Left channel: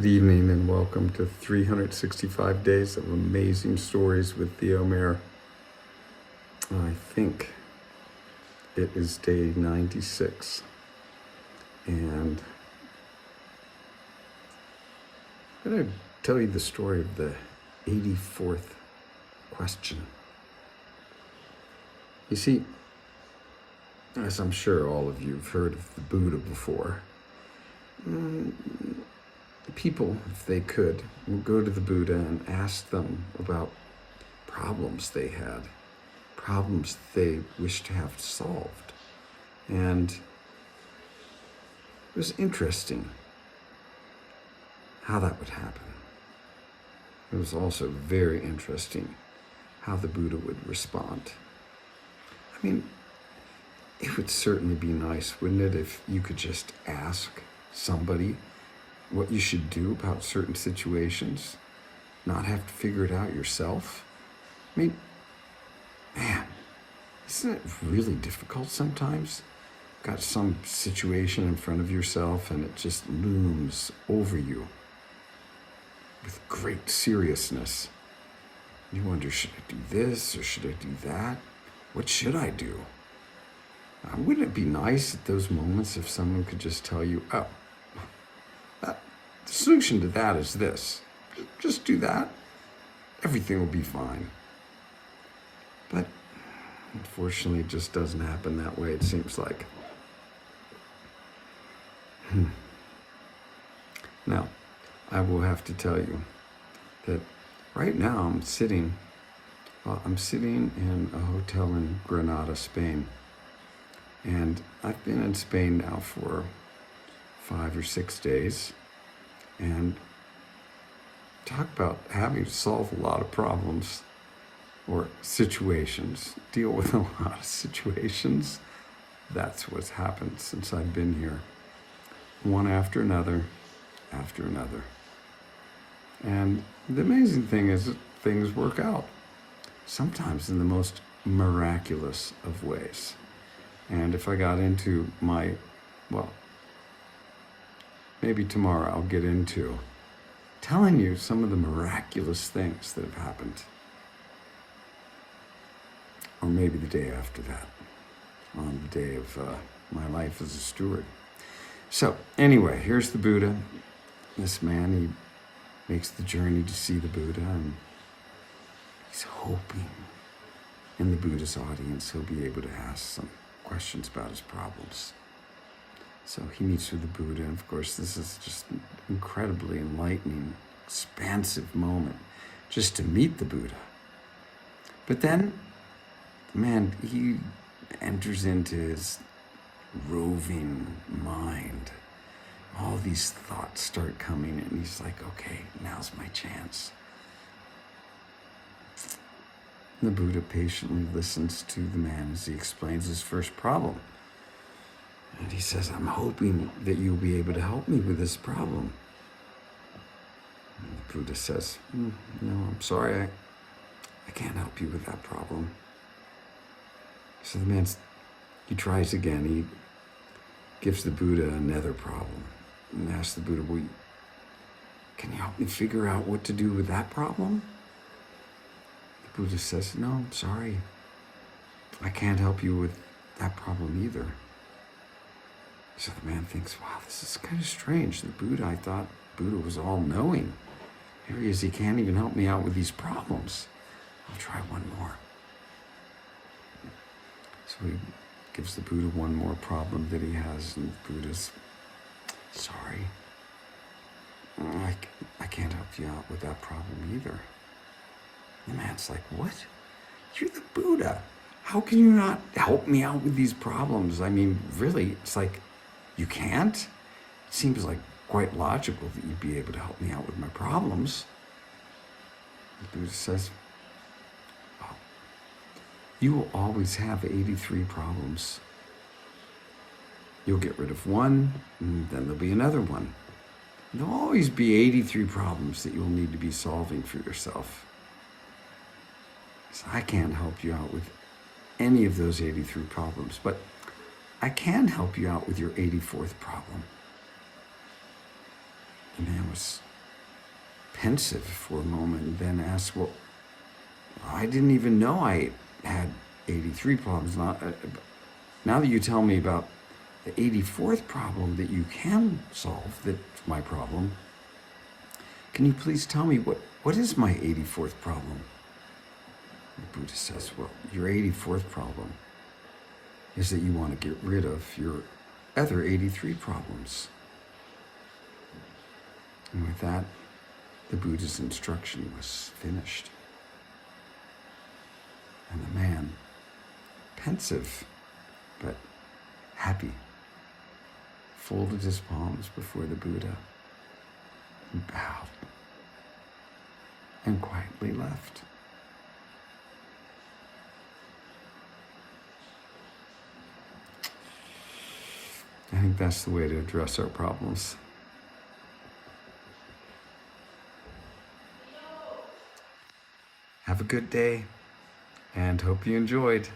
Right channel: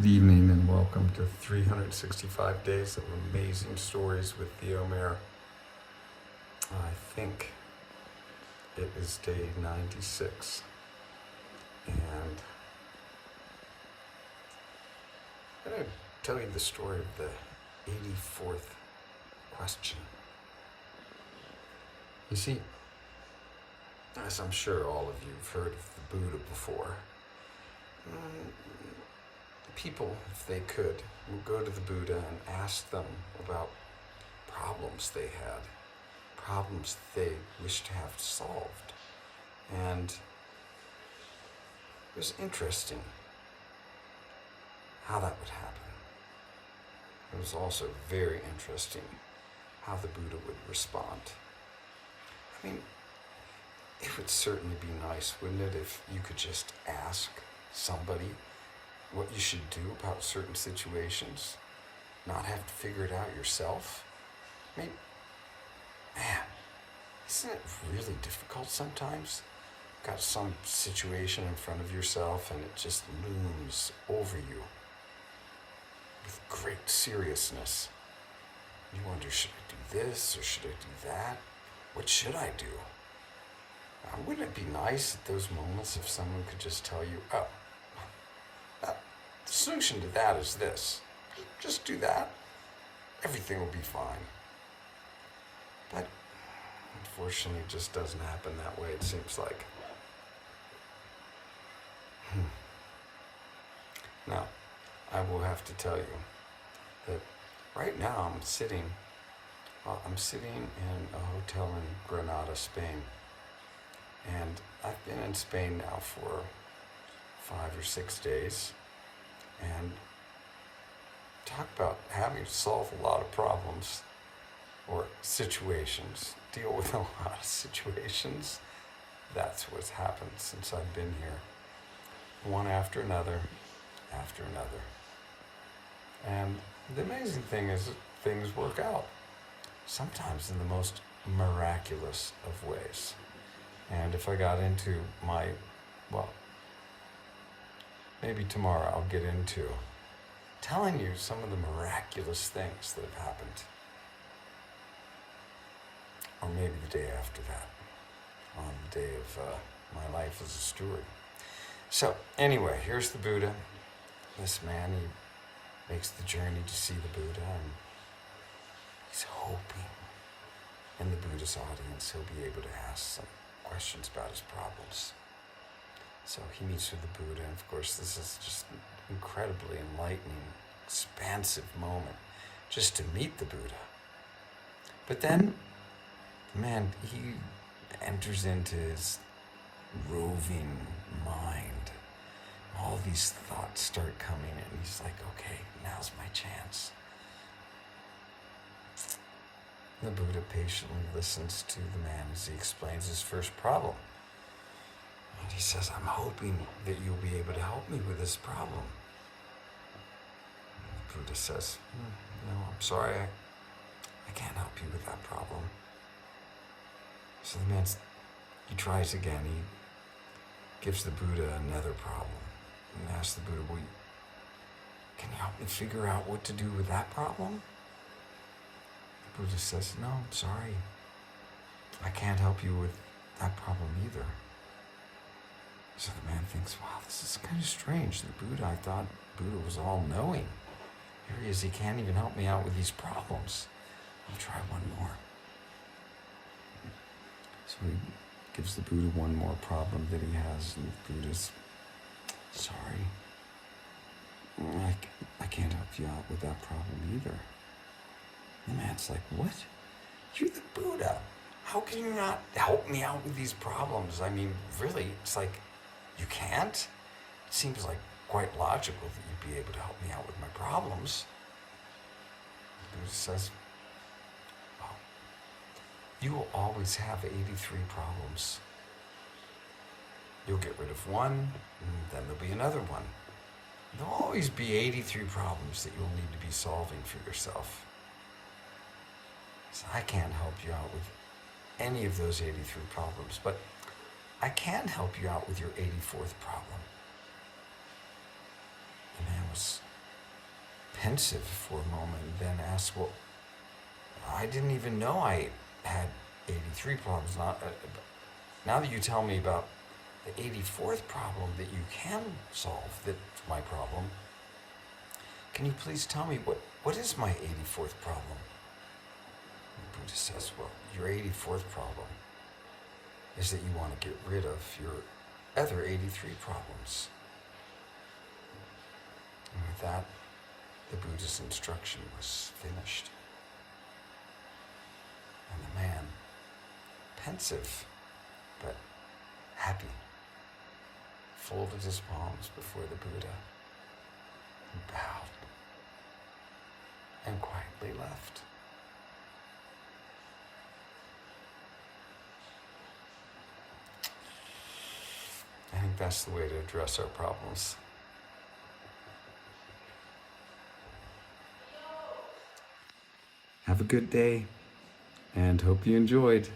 Good evening and welcome to 365 Days of Amazing Stories with Theo Mayer. I think it is day 96 and I'm going to tell you the story of the 84th question. You see, as I'm sure all of you have heard of the Buddha before, people, if they could, would go to the Buddha and ask them about problems they had, problems they wished to have solved. And it was interesting how that would happen. It was also very interesting how the Buddha would respond. I mean, it would certainly be nice, wouldn't it, if you could just ask somebody what you should do about certain situations, not have to figure it out yourself. I mean, man, isn't it really difficult sometimes? Got some situation in front of yourself and it just looms over you with great seriousness. You wonder, should I do this or should I do that? What should I do? Wouldn't it be nice at those moments if someone could just tell you, oh, the solution to that is this. Just do that. Everything will be fine. But unfortunately, it just doesn't happen that way, it seems like. Now, I will have to tell you that right now I'm sitting in a hotel in Granada, Spain. And I've been in Spain now for 5 or 6 days. And talk about having to solve a lot of problems or situations, deal with a lot of situations. That's what's happened since I've been here. One after another, after another. And the amazing thing is that things work out, sometimes in the most miraculous of ways. And if I got into maybe tomorrow I'll get into telling you some of the miraculous things that have happened. Or maybe the day after that, on the day of my life as a steward. So anyway, here's the Buddha. This man, he makes the journey to see the Buddha, and he's hoping in the Buddha's audience he'll be able to ask some questions about his problems. So he meets with the Buddha, and of course this is just an incredibly enlightening, expansive moment just to meet the Buddha. But then, man, he enters into his roving mind. All these thoughts start coming, and he's like, okay, now's my chance. The Buddha patiently listens to the man as he explains his first problem. And he says, I'm hoping that you'll be able to help me with this problem. And the Buddha says, no, I'm sorry, I can't help you with that problem. So the man, he tries again. He gives the Buddha another problem and asks the Buddha, well, can you help me figure out what to do with that problem? The Buddha says, no, I'm sorry, I can't help you with that problem either. So the man thinks, wow, this is kind of strange. The Buddha, I thought Buddha was all-knowing. Here he is, he can't even help me out with these problems. I'll try one more. So he gives the Buddha one more problem that he has, and the Buddha's, sorry, I can't help you out with that problem either. The man's like, what? You're the Buddha. How can you not help me out with these problems? I mean, really, it's like, you can't? It seems like quite logical that you'd be able to help me out with my problems. The Buddha says, oh, you will always have 83 problems. You'll get rid of one, and then there'll be another one. There'll always be 83 problems that you'll need to be solving for yourself. So I can't help you out with any of those 83 problems, but I can help you out with your 84th problem. The man was pensive for a moment and then asked, well, I didn't even know I had 83 problems. Now that you tell me about the 84th problem that you can solve, that's my problem, can you please tell me what is my 84th problem? The Buddha says, well, your 84th problem is that you want to get rid of your other 83 problems. And with that, the Buddha's instruction was finished. And the man, pensive but happy, folded his palms before the Buddha and bowed and quietly left. I think that's the way to address our problems. Have a good day, and hope you enjoyed.